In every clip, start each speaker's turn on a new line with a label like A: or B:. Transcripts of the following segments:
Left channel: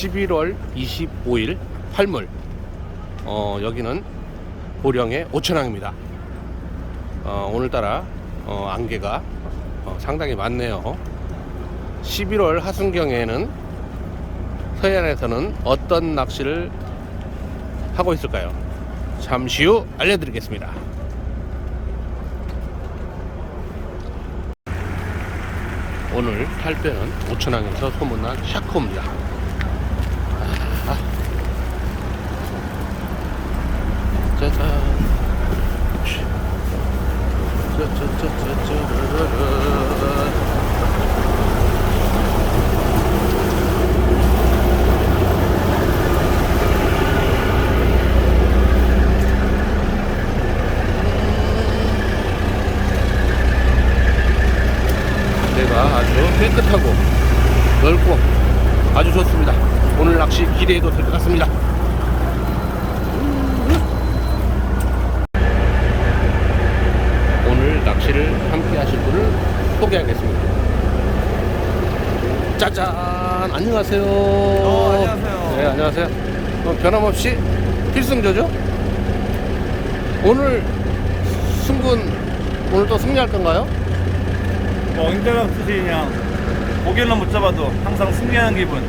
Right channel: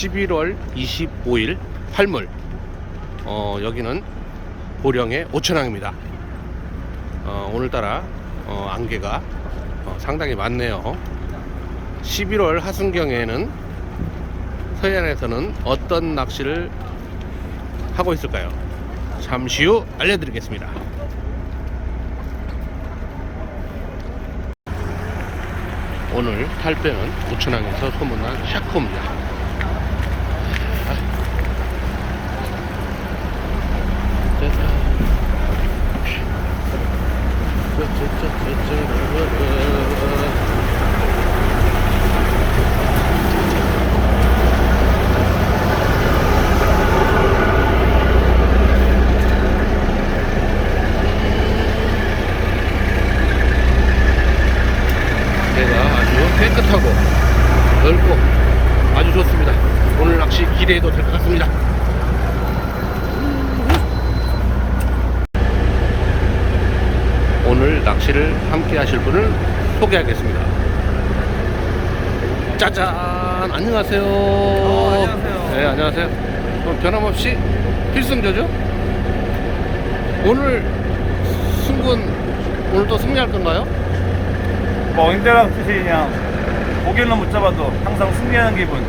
A: 11월 25일 팔물 어, 여기는 보령의 오천항입니다. 어, 오늘따라 어, 안개가 어, 상당히 많네요. 11월 하순경에는 서해안에서는 어떤 낚시를 하고 있을까요? 잠시 후 알려드리겠습니다. 오늘 탈배는 오천항에서 소문난 샤코입니다. 아. 짜잔. 짜짜짜짜짜라라. 배가 아주 깨끗하고 넓고 아주 좋습니다. 오늘 낚시 기대해도 될 것 같습니다. 오늘 낚시를 함께 하실 분을 소개하겠습니다. 짜잔! 안녕하세요.
B: 어, 안녕하세요.
A: 네, 안녕하세요. 어, 변함없이 필승조죠? 오늘 승군, 오늘 또 승리할 건가요?
B: 뭐 엉대랑 뜻이 그냥 고기는 못 잡아도 항상 승리하는 기분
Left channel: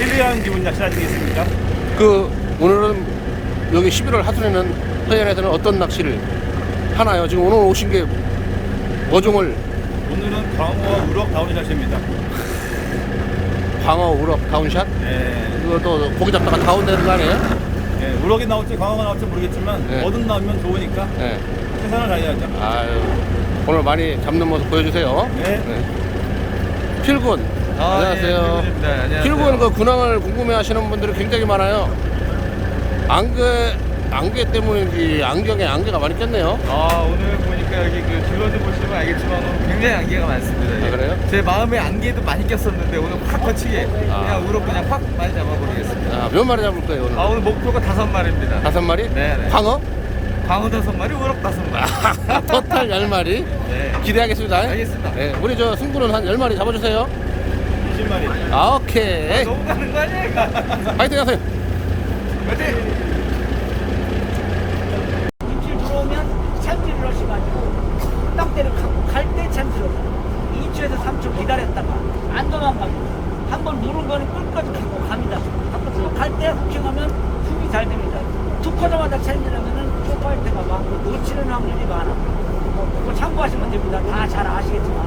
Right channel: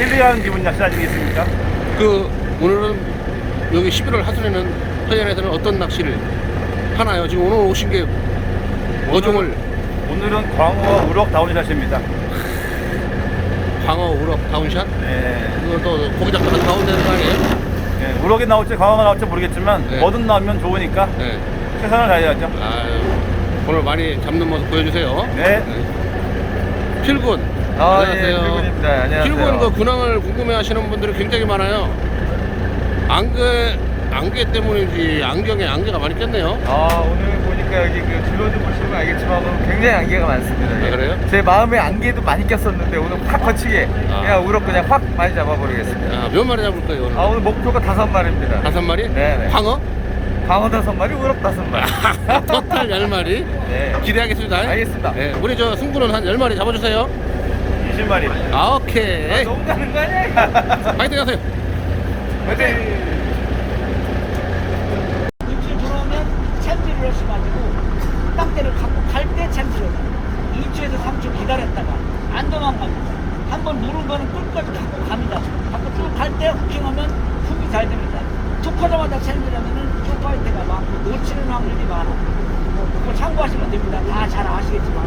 B: 1위하는 기분 낚시 아니겠습니까?
A: 그 오늘은 여기 11월 하순에는 서해안에서는 어떤 낚시를 하나요? 지금 오늘 오신 게 어종을
B: 오늘은 광어 우럭 다운샷입니다
A: 광어 우럭 다운샷?
B: 예,
A: 그걸 또 고기 잡다가 다운되는 거 아니에요?
B: 예, 우럭이 나올지 광어가 나올지 모르겠지만
A: 네.
B: 뭐든 나오면 좋으니까
A: 네.
B: 최선을 다해야죠
A: 아유, 오늘 많이 잡는 모습 보여주세요.
B: 네.
A: 필군.
B: 아,
A: 안녕하세요.
B: 예, 필군입니다. 안녕하세요.
A: 필군 그 근황을 궁금해하시는 분들이 굉장히 많아요. 안개 안개 때문인지 안경에 안개가 많이 꼈네요.
C: 아 오늘 보니까 여기 그 주변도 보시면 알겠지만 오늘 굉장히 안개가 많습니다.
A: 아,
C: 예.
A: 그래요?
C: 제 마음에 안개도 많이 꼈었는데 오늘 확 거치게
A: 아.
C: 그냥 우럭 그냥 확 많이 잡아버리겠습니다.
A: 아, 몇 마리 잡을 거예요 오늘?
C: 아 오늘 목표가 다섯 마리입니다.
A: 다섯 마리?
C: 네네.
A: 광어?
C: 광어 다섯 마리, 우럭 다섯 마리.
A: 토탈 열 마리.
C: 네.
A: 기대하겠습니다.
C: 알겠습니다.
A: 네, 우리 저 승부는 한 열 마리 잡아주세요.
B: 20마리
A: 아, 오케이.
C: 너무 가는 거 아니야?
A: 파이팅 하세요.
C: 화이팅!
D: 입질 들어오면 챔질을 하셔가지고 땅대를 갖고 갈 때 챔질을 2초에서 3초 기다렸다가 안 도망갑니다. 한번 누른 거는 끝까지 갖고 갑니다. 갖고 쭉 갈 때 후킹하면 훅이 잘 됩니다. 툭 하자마자 챔질하면은 쇼파이트가 많고 놓치는 확률이 많아. 그거 참고하시면 됩니다. 다 잘 아시겠지만.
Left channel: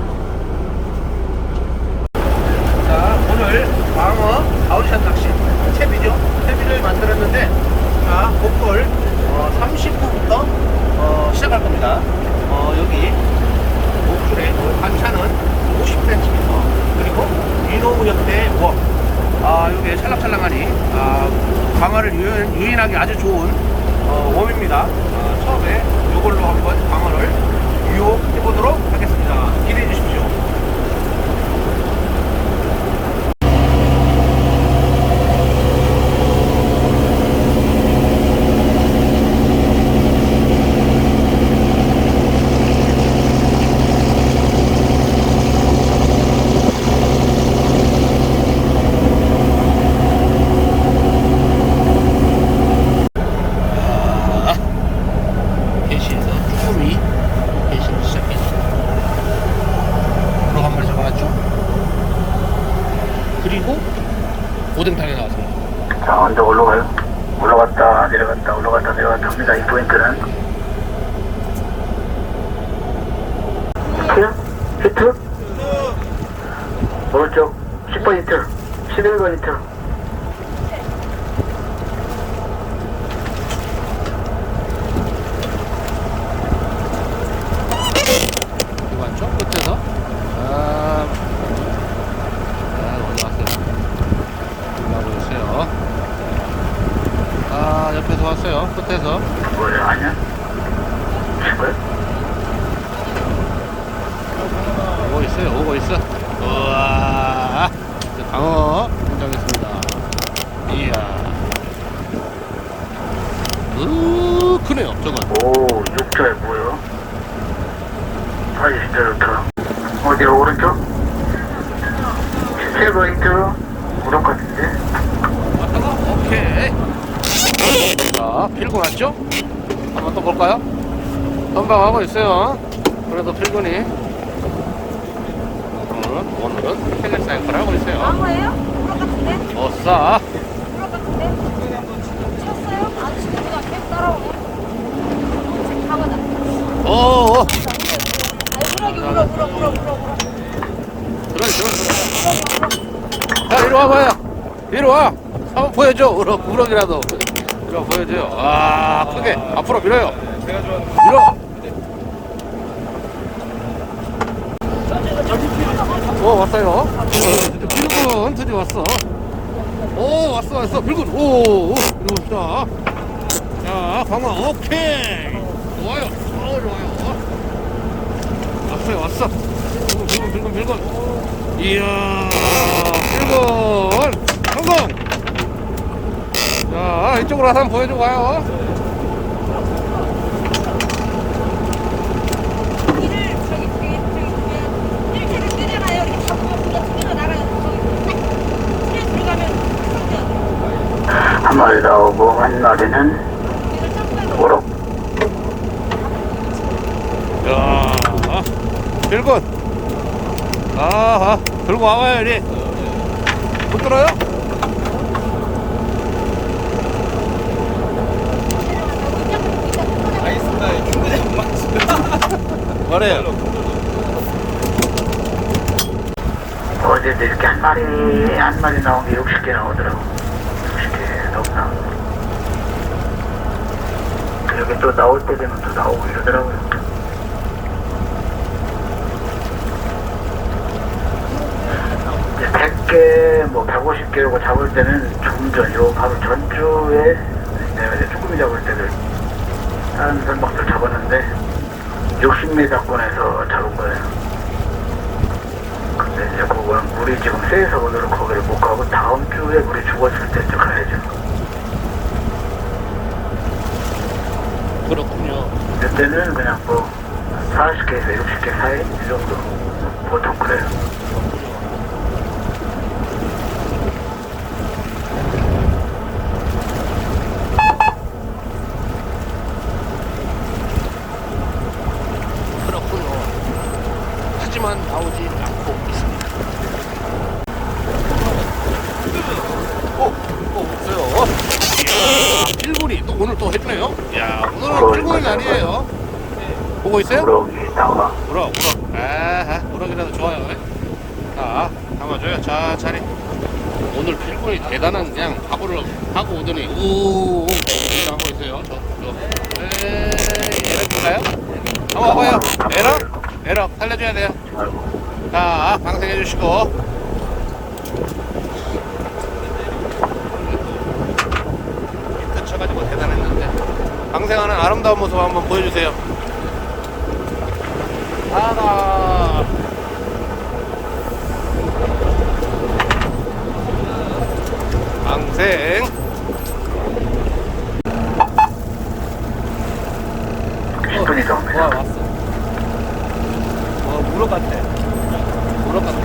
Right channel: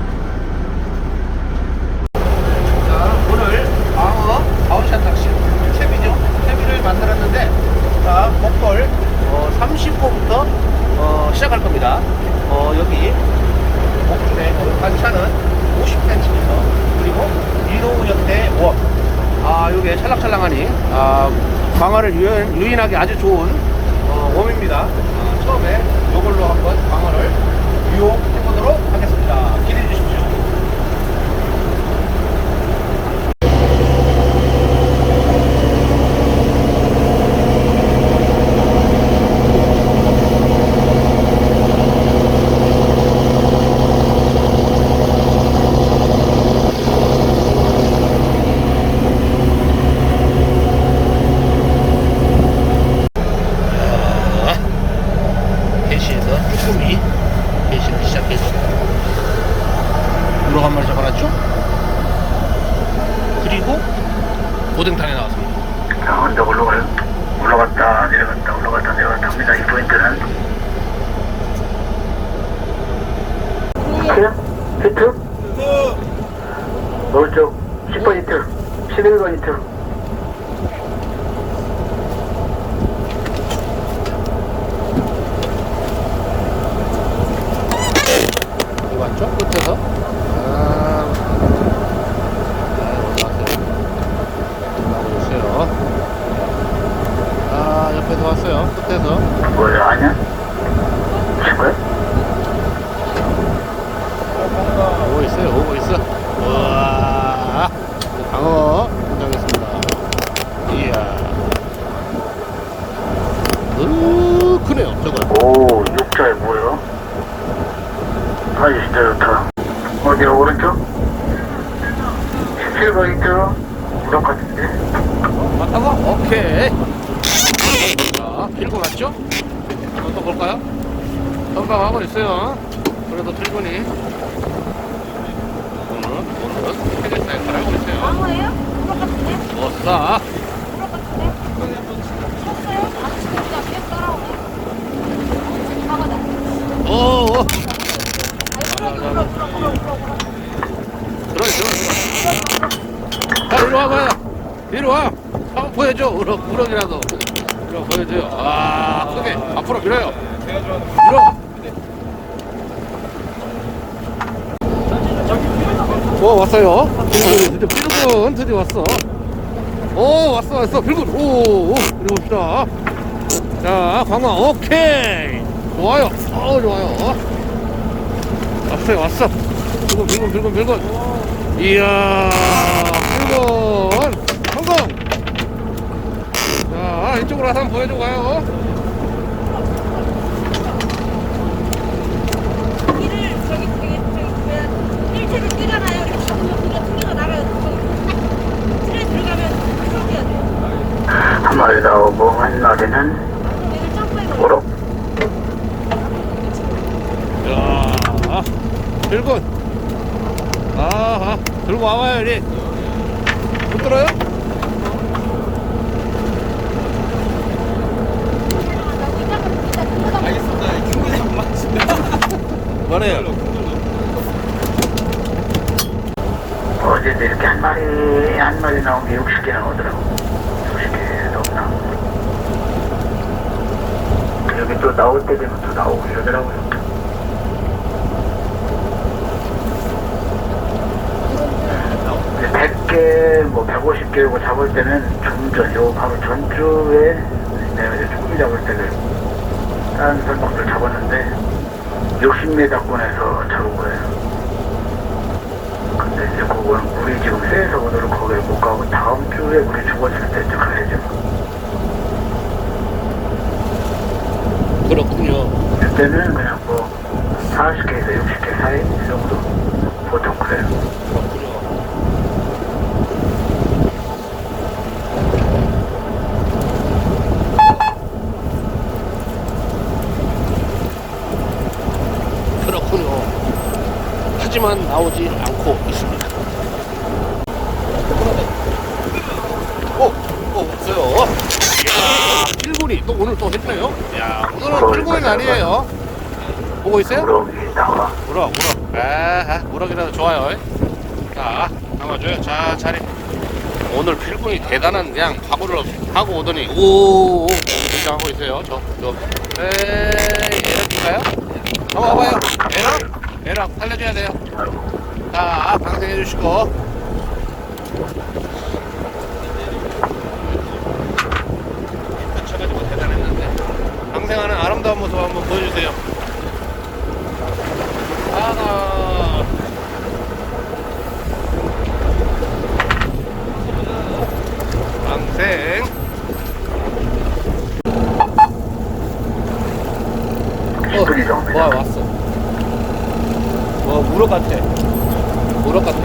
A: 자, 오늘 광어 다운샷 낚시 채비죠. 채비를 만들었는데, 자, 목돌 어, 30호부터 어, 시작할 겁니다. 어, 여기 목줄의 어, 단차는 50cm 그리고 옆에 워. 아, 요게 찰랑찰랑하니 아, 광어를 유인, 유인하기 아주 좋은 어, 웜입니다. 아, 처음에 요걸로 한번 광어를 유혹해 보도록 하겠습니다. 기대해 주십시오. 아, 개시에서 쭈꾸미 개시를 시작해서 우럭 한 마리 잡아놨죠? 그리고 오뎅탕이 나왔습니다.
E: 자, 언덕 올라가요. 올라갔다 내려갔다 올라갔다 내려갔다 합니다. 이 포인트는 히트? 히트? 오른쪽 10번 히트 11번 히트
A: 여기 왔죠? 끝에서 아, 아 어디 왔어요? 올라오고 있어요. 아 옆에서 왔어요. 끝에서
E: 뭐야 아니야? 10번?
A: 오고 있어요. 오고 있어. 우와 이제 광어 등장했습니다. 이야. 으 크네요. 저건.
E: 오 육자에 뭐요? 아주 진짜 좋다 어디 오른쪽? 17번 히트 우럭 같은데?
A: 오케이. 자, 필고 왔죠? 한번 또 볼까요? 건강하고 있어요. 그래도 필곤이. 오늘은, 오늘은 크게 사이클 하고 있어요.
F: 아무예요? 우럭 같은데?
A: 못사.
F: 우럭 같은데? 쳤어요? 아니 지금 그냥 계속 따라오네 어, 지금 나가자
A: 어어.
F: 자,
A: 자, 자,
F: 우럭,
A: 자.
F: 우럭, 우럭, 우럭.
A: 들어, 들어, 들어. 자, 이리 와봐요. 이리 와. 한번 보여줘. 우럭, 우럭이라도. 이리 보여줘요. 아, 크게. 앞으로 밀어요. 밀어. 오, 왔어요. 빌군, 빌군 드디어 왔어. 오, 왔어, 왔어. 빌군. 오, 오. 이리 봅시다. 자, 광어, 오케이. 좋아요. 어, 좋아요. 왔어요, 왔어. 빌군, 빌군, 빌군, 빌군. 이야, 빌군. 성공. 자, 이쪽으로 와서 한번 보여줘 봐요.
F: 길을 저기 저기 저기 그 일체를 뛰잖아요 이렇게 잡으면 우리가 튕겨 나가요 그럼 딱 틀에 들어가면 풀어줘야 돼요
E: 한 마리 나오고, 한 마리는
F: 앞으로 얘를 점프해버려
E: 우럭.
A: 야, 빌군. 아, 들고 와봐야지. 못 들어요?
F: 내려가자고 이따 이따 큰 거다
C: 알겠습니다. 큰 거지 안 맞습니다.
A: 뭐래요?
E: 어제도 이렇게 한 마리, 한 마리 나온 게 60개 나오더라고. 60개 넘나. 여기 또 나올 때 되면 또 나오고 이러더라고요. 이제 100개, 뭐 150개 고 잡을 때는 좀 전, 요 바로 전주에 내가 이제 쭈꾸미 잡을 때를 다른 선박들 잡았는데 60m권에서 잡은 거예요. 근데 이제 그거는 물이 지금 세서 오늘은 거기를 못 가고 다음 주에 물이 죽었을 때쯤 가야죠.
A: 그렇군요.
E: 그때는 그냥 뭐 40개에서 60개 사이 이 정도 보통 그래요.
A: 하지만 오, 없어요. 이야, 필군이 또 오늘 또 했네요. 야, 오늘은 필군이 아니에요. 보고 있어요?
E: 우럭,
A: 우럭. 아, 우럭이라도 좋아요. 자, 담아줘요. 자, 자리. 오늘 필군이 대단한 그냥 각오를 하고 오더니, 오, 여기 등장하고 있어요. 저, 저. 에이, 에럭인가요? 한번 와봐요. 에럭? 에럭, 살려줘야 돼요. 자, 방생해 주시고. 쳐가지고 대단했는데. 방생하는 아름다운 모습 한번 보여주세요. 하나 방생
E: 10분 이상입니다.
A: 왔어 어 같아 무릎 같아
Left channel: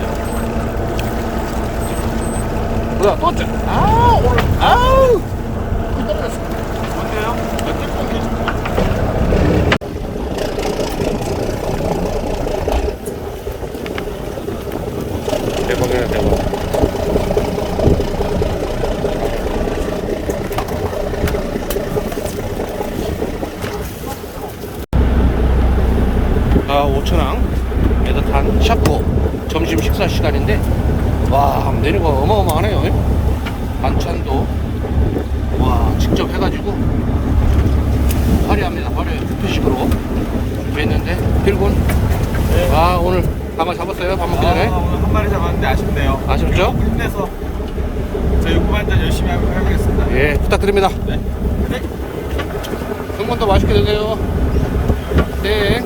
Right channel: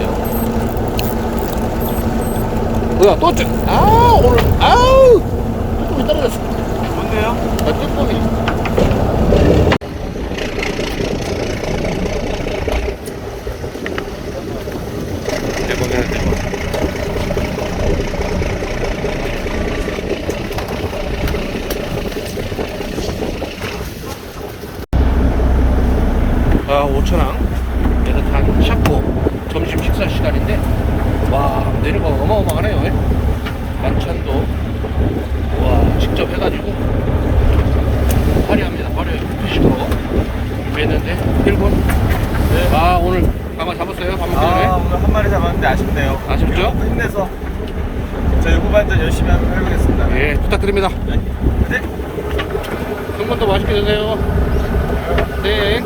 A: 뭐야 또 짜? 아 오늘 아우 또 떨어졌어 좋네요 완전 뻥이 대박이네 대박 아, 오천항에서 탄 샤코 점심 식사 시간인데 와 메뉴가 어마어마하네요 예? 반찬도 와 직접 해가지고 화려합니다 화려해 뷔페식으로 준비했는데 필군 아 오늘 강어 잡았어요 밥 먹기 전에
C: 아, 오늘 한 마리 잡았는데 아쉽네요.
A: 아쉽죠?
C: 힘내서 저 요구 발전 열심히 해보겠습니다.
A: 예 부탁드립니다
C: 네. 네.
A: 승분도 맛있게 드세요 네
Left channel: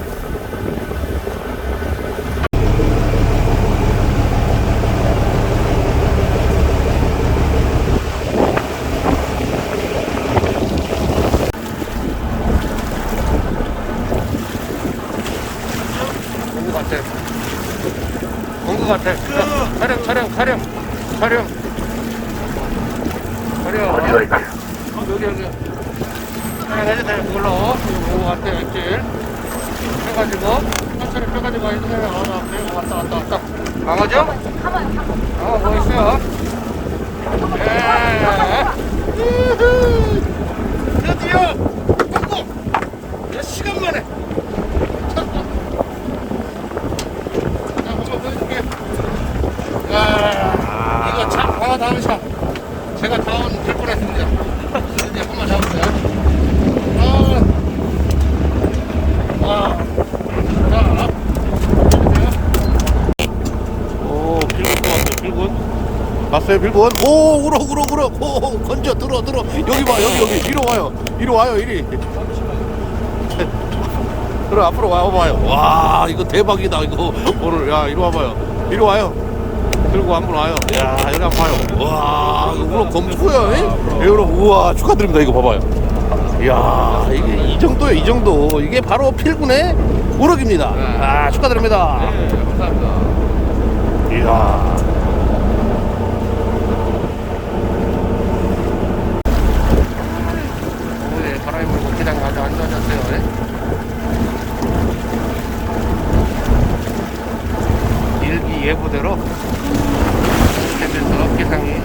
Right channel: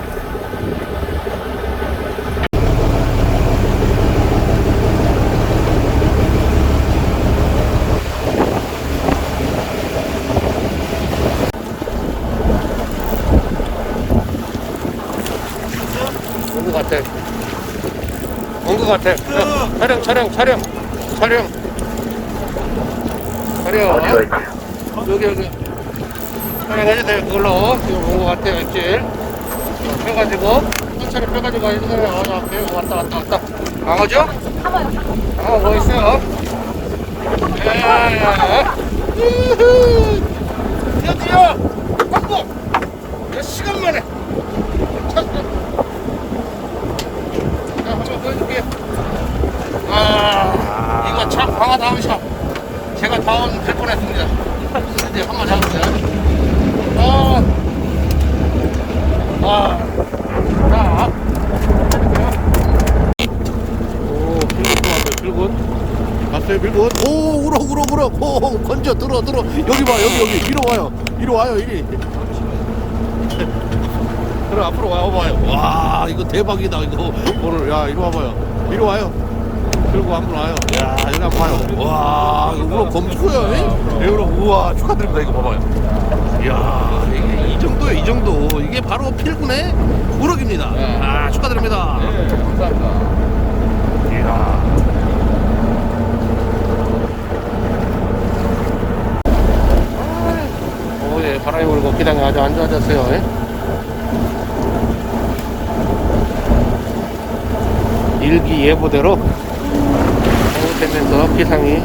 A: 온것 같아. 같아. 야, 촬영, 촬영, 촬영, 촬영.
E: 어디가 있지?
A: 여기 여기 돼 그걸로 그거 갈때 엑질 펴가지고 하체를 펴가지고 와야 돼 왔다 왔다 왔다 왔다 강어죠? 강어 뭐 있어요? 예. 우후. 드디어 성공! 몇 시간 만에 쳤어 자 한번 보여줄게요 아 참 강어 다운샷 제가 다운 될 뻔했습니다 이제 한번 잡았어요 아, 아, 자, 오, 필군 또 왔어요, 필군. 오, 우럭, 우럭, 우럭. 오, 건져, 들어, 들어. 여기 봐, 여기, 여기. 이리 와요. 이리 와요, 이리. 들어, 앞으로 와봐요. 와, 이거 대박이다, 이거. 오늘, 야, 이리 와봐요. 이리 와요. 들고 한번 와요. 야, 여기 한번 봐요. 와, 이거 우럭 검수야, 이 우럭, 우와, 축하드립니다. 이거 봐봐요. 이야, 이게 이 정도요, 이 정도. 이게 바로 필군의 우럭입니다. 아, 축하드립니다. 이야. 오, 예, 바람이 불고 기다가 아주 안 좋아졌어요. 예? 일기예보대로 되면서 기상이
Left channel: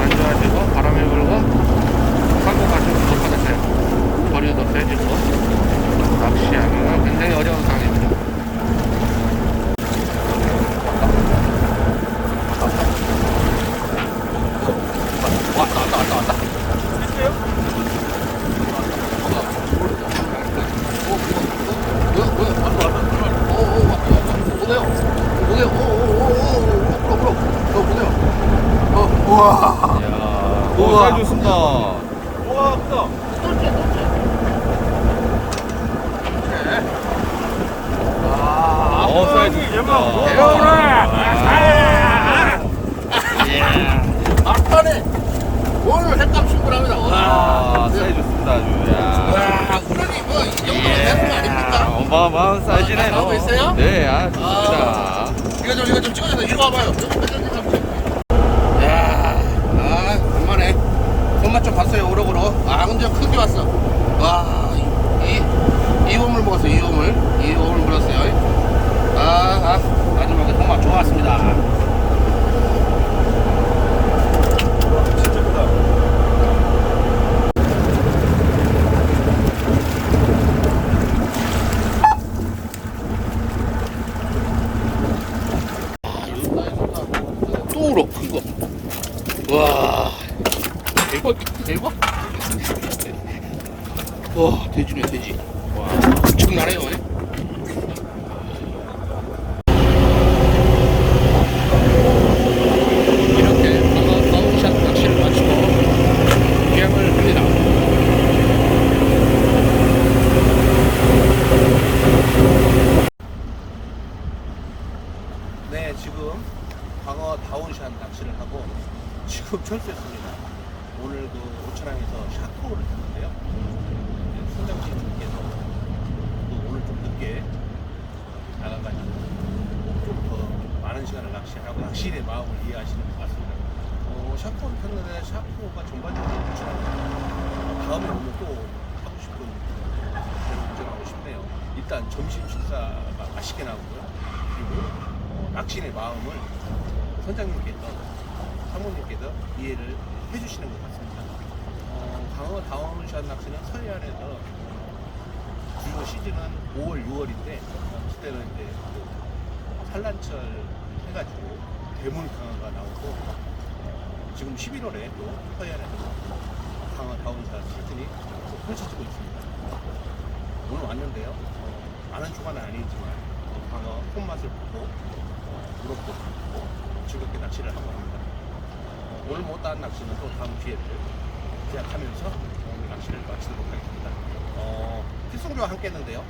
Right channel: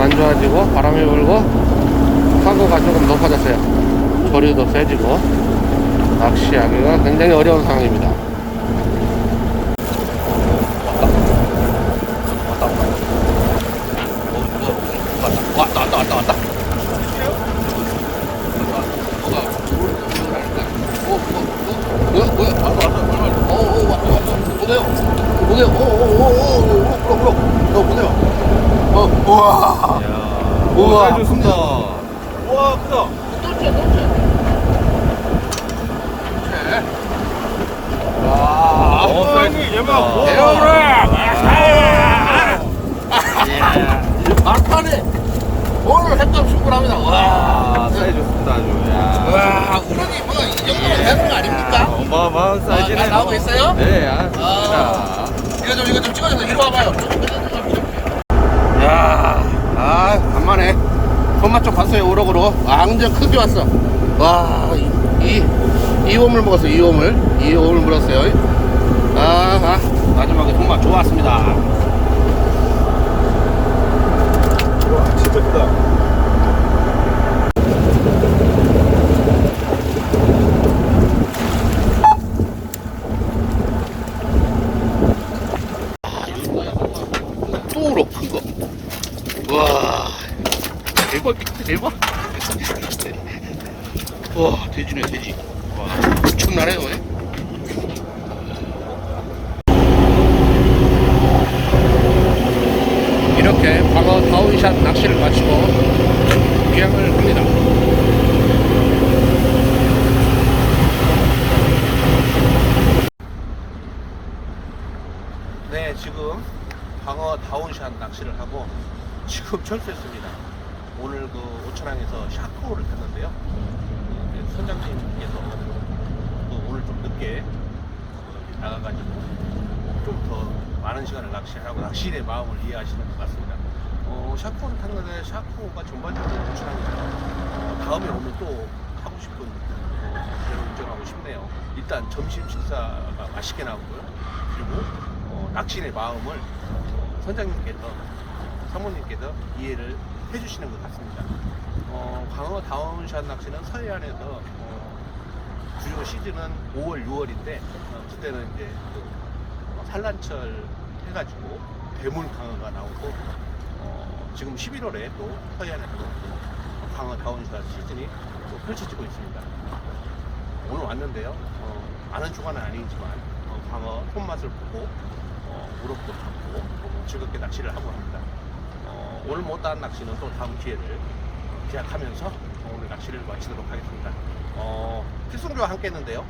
A: 안 좋아지고 바람이 불고 사고가 조금 높아졌어요. 조류도 세지고 낚시하기가 굉장히 어려운 상황입니다.
C: 이야, 오, 사이즈 좋습니다. 어, 사이즈 좋습니다. 아,
A: 막판에 오늘 횟감 충분합니다.
C: 아, 사이즈 좋습니다, 아주. 야.
A: 와, 우럭이 뭐 이 정도 되는 거 아닙니까?
C: 어마어마한 사이즈네요.
A: 아, 나오고 있어요?
C: 네, 아, 좋습니다.
A: 이거 좀 이거 좀 찍어주세요. 이리 와봐요. 야, 아 간만에 손맛 좀 봤어요 우럭으로. 완전 크게 왔어. 와, 이, 이, 이 웜을 먹었어요. 이 웜을, 이 웜을 물었어요. 아, 아, 마지막에 손맛 좋았습니다. 와, 대박. 와, 돼지네, 돼지. 와, 엄청나네요. 예? 한 낚시를 하고 지금 철수했습니다. 오늘 그 오천항에서 샤크호를 탔는데요. 네, 선장님께서 또 오늘 좀 늦게 나가가지고 뭐 좀더 많은 시간을 낚시하고 낚시의 마음을 이해하시는 것 같습니다. 어, 샤크호를 탔는데 샤크호가 전반적으로 오천항이에요. 어, 다음에 오면 또 하고 싶은 어, 배로 운전하고 싶네요. 일단 점심 식사가 맛있게 나오고요. 그리고 어, 낚시의 마음을 선장님께서 사모님께서 이해를 해주시는 것 같습니다. 어, 광어 다운샷 낚시는 서해안에서 어, 주요 시즌은 5월, 6월인데 어, 그때는 이제 그 어, 산란철 해가지고 대물 광어가 나오고 어, 지금 11월에 또 서해안에서 또 어, 광어 다운샷 시즌이 또 펼쳐지고 있습니다. 오늘 왔는데요. 어, 많은 주간은 아니지만 어, 광어 손맛을 보고 어, 우럭도 잡고 어, 즐겁게 낚시를 하고 합니다. 어, 오늘 못한 낚시는 또 다음 기회를 어, 기약하면서 오늘 낚시를 마치도록 하겠습니다. 어, 필승조와 함께 했는데요.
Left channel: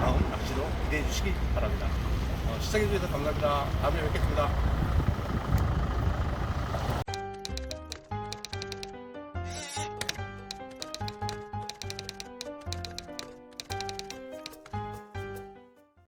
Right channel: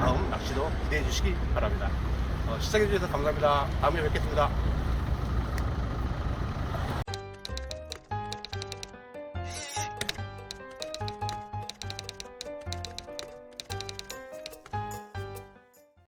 A: 다음 낚시도 기대해 주시기 바랍니다. 어, 시청해 주셔서 감사합니다. 다음에 뵙겠습니다.